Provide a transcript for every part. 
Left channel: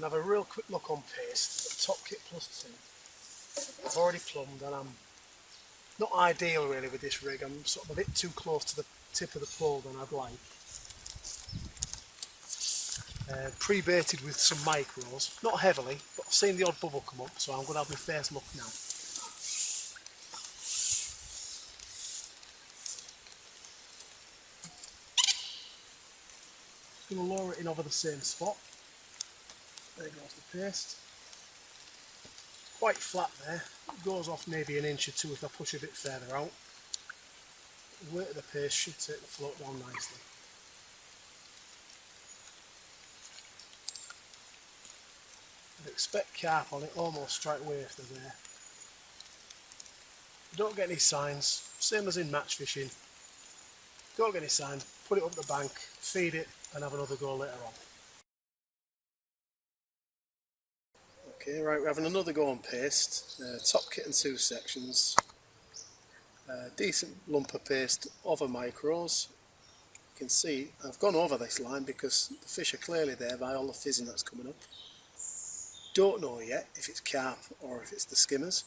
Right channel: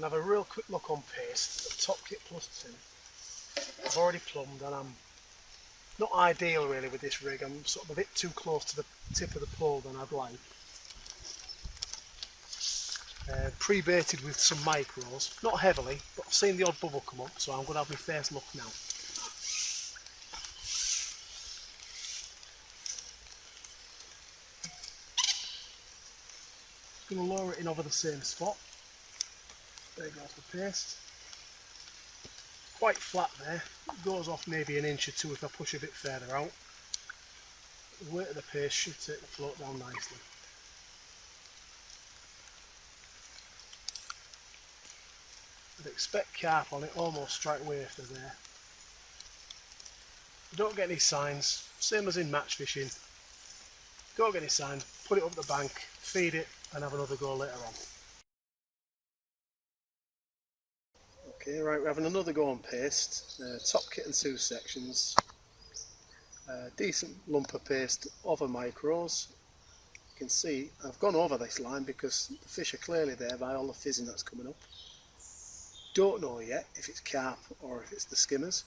going to have a real quick look on paste. Top kit +2. I've already plumbed and I'm not ideal really with this rig. I'm sort of a bit too close to the tip of the pole than I'd like. Pre-baited with some micros, not heavily, but I've seen the odd bubble come up, so I'm going to have my first look now. Just going to lower it in over the same spot. There goes the paste. Quite flat there. It goes off maybe an inch or two if I push a bit further out. The weight of the paste should take the float down nicely. I'd expect carp on it almost straight away after there. You don't get any signs, same as in match fishing. Don't get any signs, put it up the bank, feed it and have another go later on. Okay, right, we're having another go on paste. Top kit in 2 sections. Decent lump of paste over micros. You can see I've gone over this line because the fish are clearly there by all the fizzing that's coming up. Don't know yet if it's carp or if it's the skimmers.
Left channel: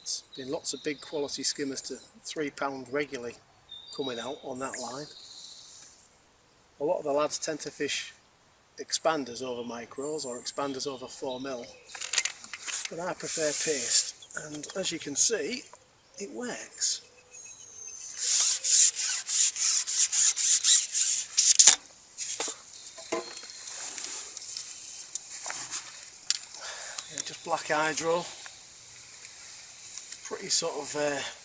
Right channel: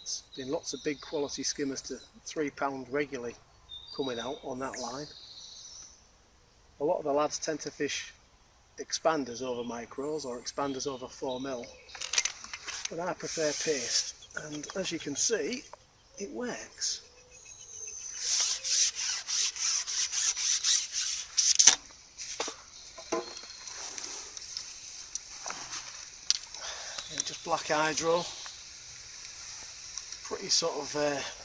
There's been lots of big quality skimmers to £3 regularly coming out on that line. A lot of the lads tend to fish expanders over micros or expanders over 4mm, but I prefer paste, and as you can see it works. Yeah, just black hydro, pretty sort of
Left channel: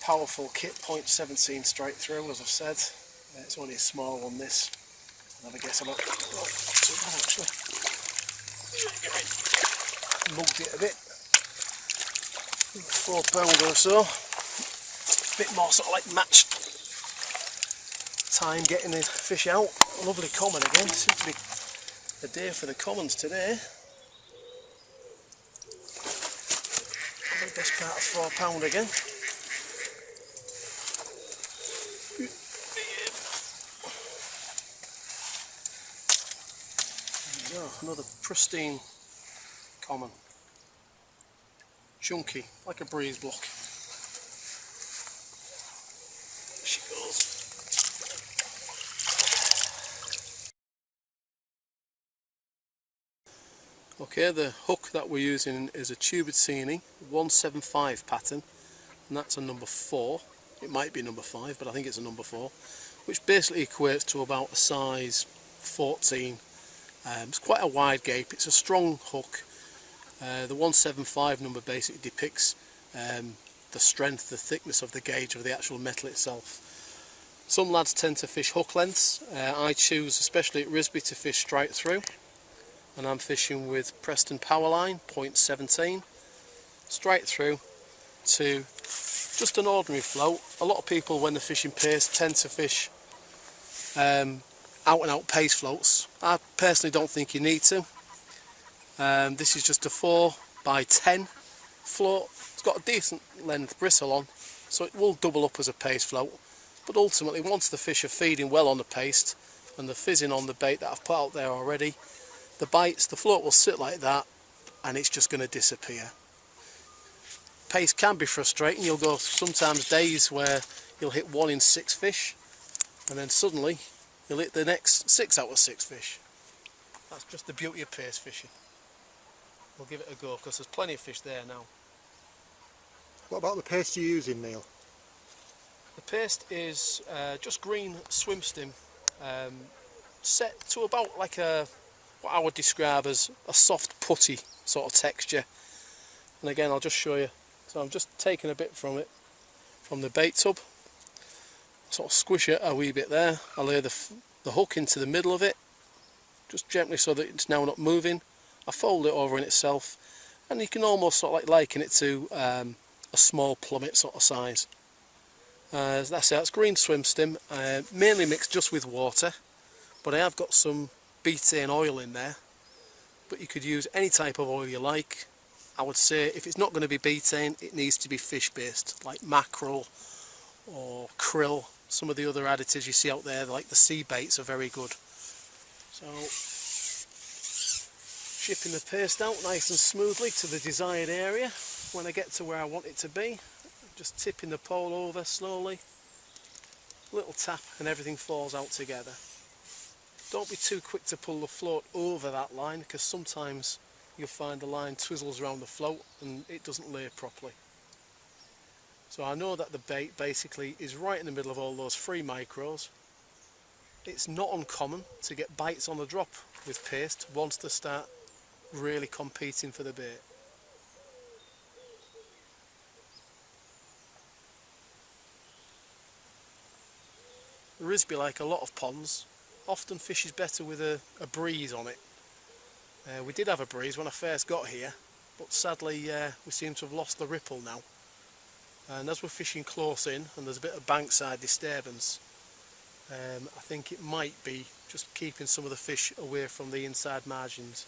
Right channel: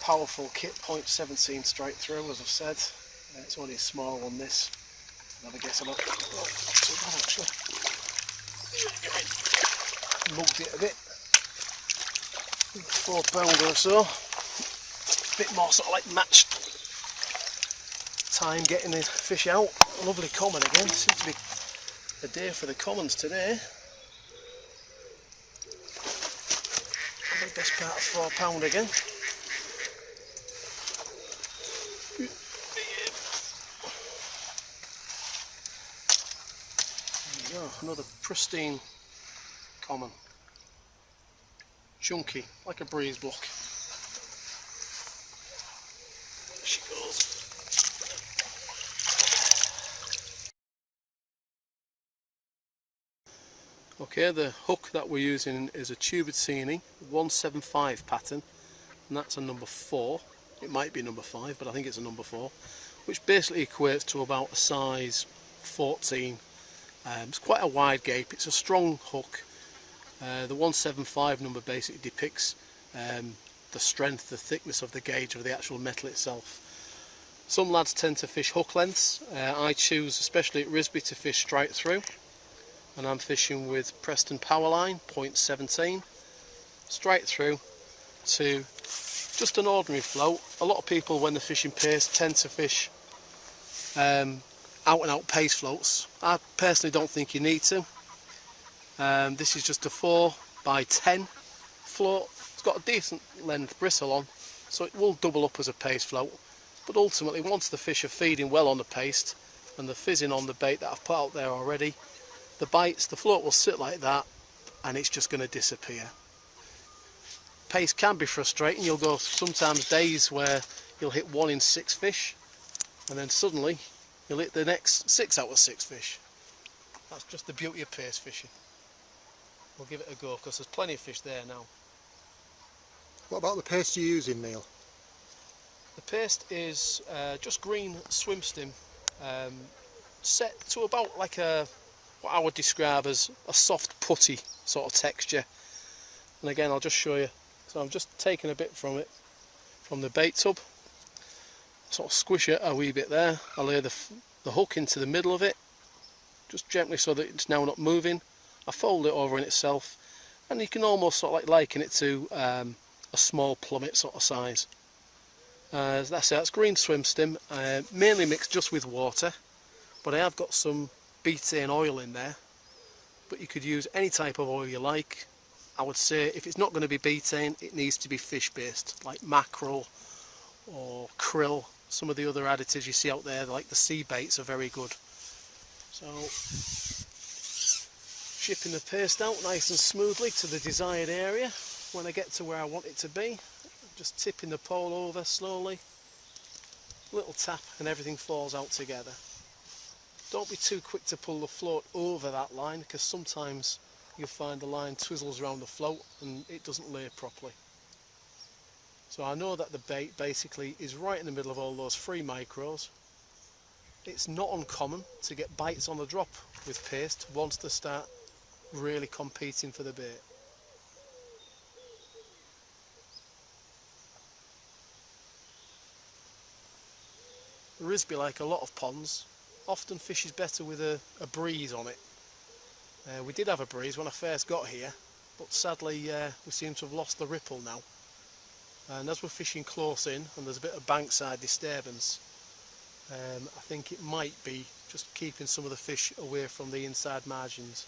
powerful kit, 0.17 straight through as I've said. It's only a small one this. Have a guess about it. Oh, not too bad actually. Mugged it a bit. £4 or so. A bit more sort of like match time getting the fish out. Lovely common again. Seems to be a day for the commons today. Probably best part of £4 again. Another pristine common, chunky like a breeze block. There she goes. Okay, the hook that we're using is a Tubertini 175 pattern, and that's a number 4. It might be number 5, but I think it's a number 4, which basically equates to about a size 14. It's quite a wide gape, it's a strong hook. The 175 number basically depicts the strength, the thickness of the gauge of the actual metal itself. Some lads tend to fish hook lengths. I choose, especially at Risby, to fish straight through, and I'm fishing with Preston Powerline 0.17 straight through to just an ordinary float. A lot of people when they're fishing paste tend to fish out and out paste floats. I personally don't think you need to. This is just a 4x10 float. It's got a decent length bristle on, so it will double up as a paste float, but ultimately once the fish are feeding well on the paste and the fizzing on the bait that I've put out there already, the float will sit like that and it's just going to disappear. Paste can be frustrating. You'll go sometimes days where you'll hit 1 in 6 fish and then suddenly you'll hit the next 6 out of 6 fish. That's just the beauty of paste fishing. We'll give it a go because there's plenty of fish there now. What about the paste you're using, Neil? The paste is just green swim stim, set to about like what I would describe as a soft putty sort of texture. And again, I'll just show you. So I'm just taking a bit from it, from the bait tub. Sort of squish it a wee bit there. I lay the hook into the middle of it, just gently so that it's now not moving. I fold it over in itself, and you can almost sort of like liken it to a small plummet sort of size. That's it. That's green swim stim, mainly mixed just with water, but I have got some betaine oil in there. But you could use any type of oil you like. I would say if it's not going to be betaine, it needs to be fish based, like mackerel or krill. Some of the other additives you see out there, like the sea baits, are very good. So chipping the paste out nice and smoothly to the desired area. When I get to where I want it to be, just tipping the pole over slowly, little tap and everything falls out together. Don't be too quick to pull the float over that line, because sometimes you'll find the line twizzles around the float and it doesn't lay properly. So I know that the bait basically is right in the middle of all those 3 micros. It's not uncommon to get bites on the drop with paste once they start really competing for the bait. Risby, like a lot of ponds, often fishes better with a breeze on it. We did have a breeze when I first got here, but sadly we seem to have lost the ripple now. And as we're fishing close in and there's a bit of bankside disturbance, I think it might be just keeping some of the fish away from the inside margins.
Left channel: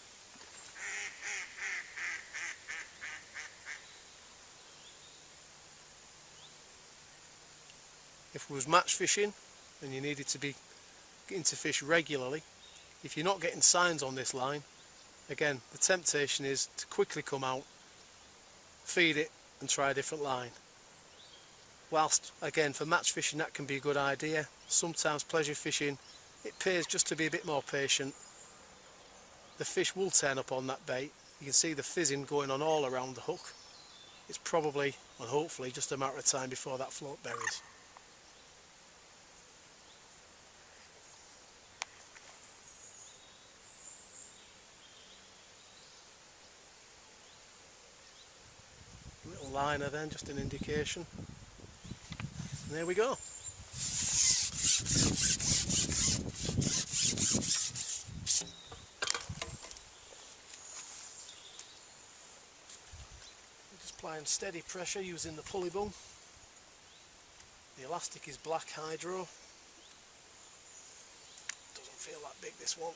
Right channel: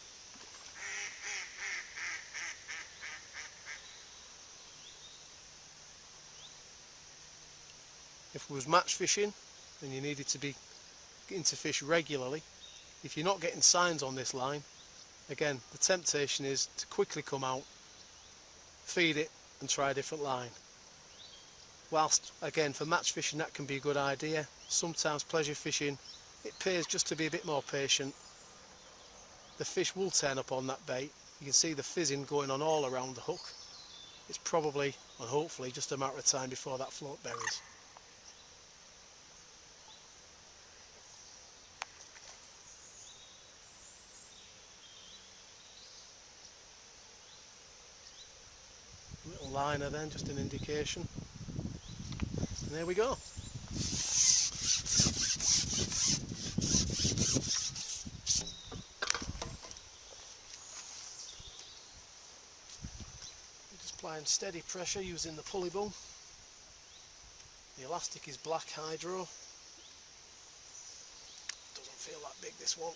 If we was match fishing and you needed to be getting to fish regularly, if you're not getting signs on this line, again the temptation is to quickly come out, feed it and try a different line. Whilst again for match fishing that can be a good idea, sometimes pleasure fishing it pays just to be a bit more patient. The fish will turn up on that bait. You can see the fizzing going on all around the hook. It's probably and hopefully just a matter of time before that float buries. Little liner then, just an indication. And there we go. Just applying steady pressure using the pulley boom. The elastic is black hydro. Doesn't feel that big, this one.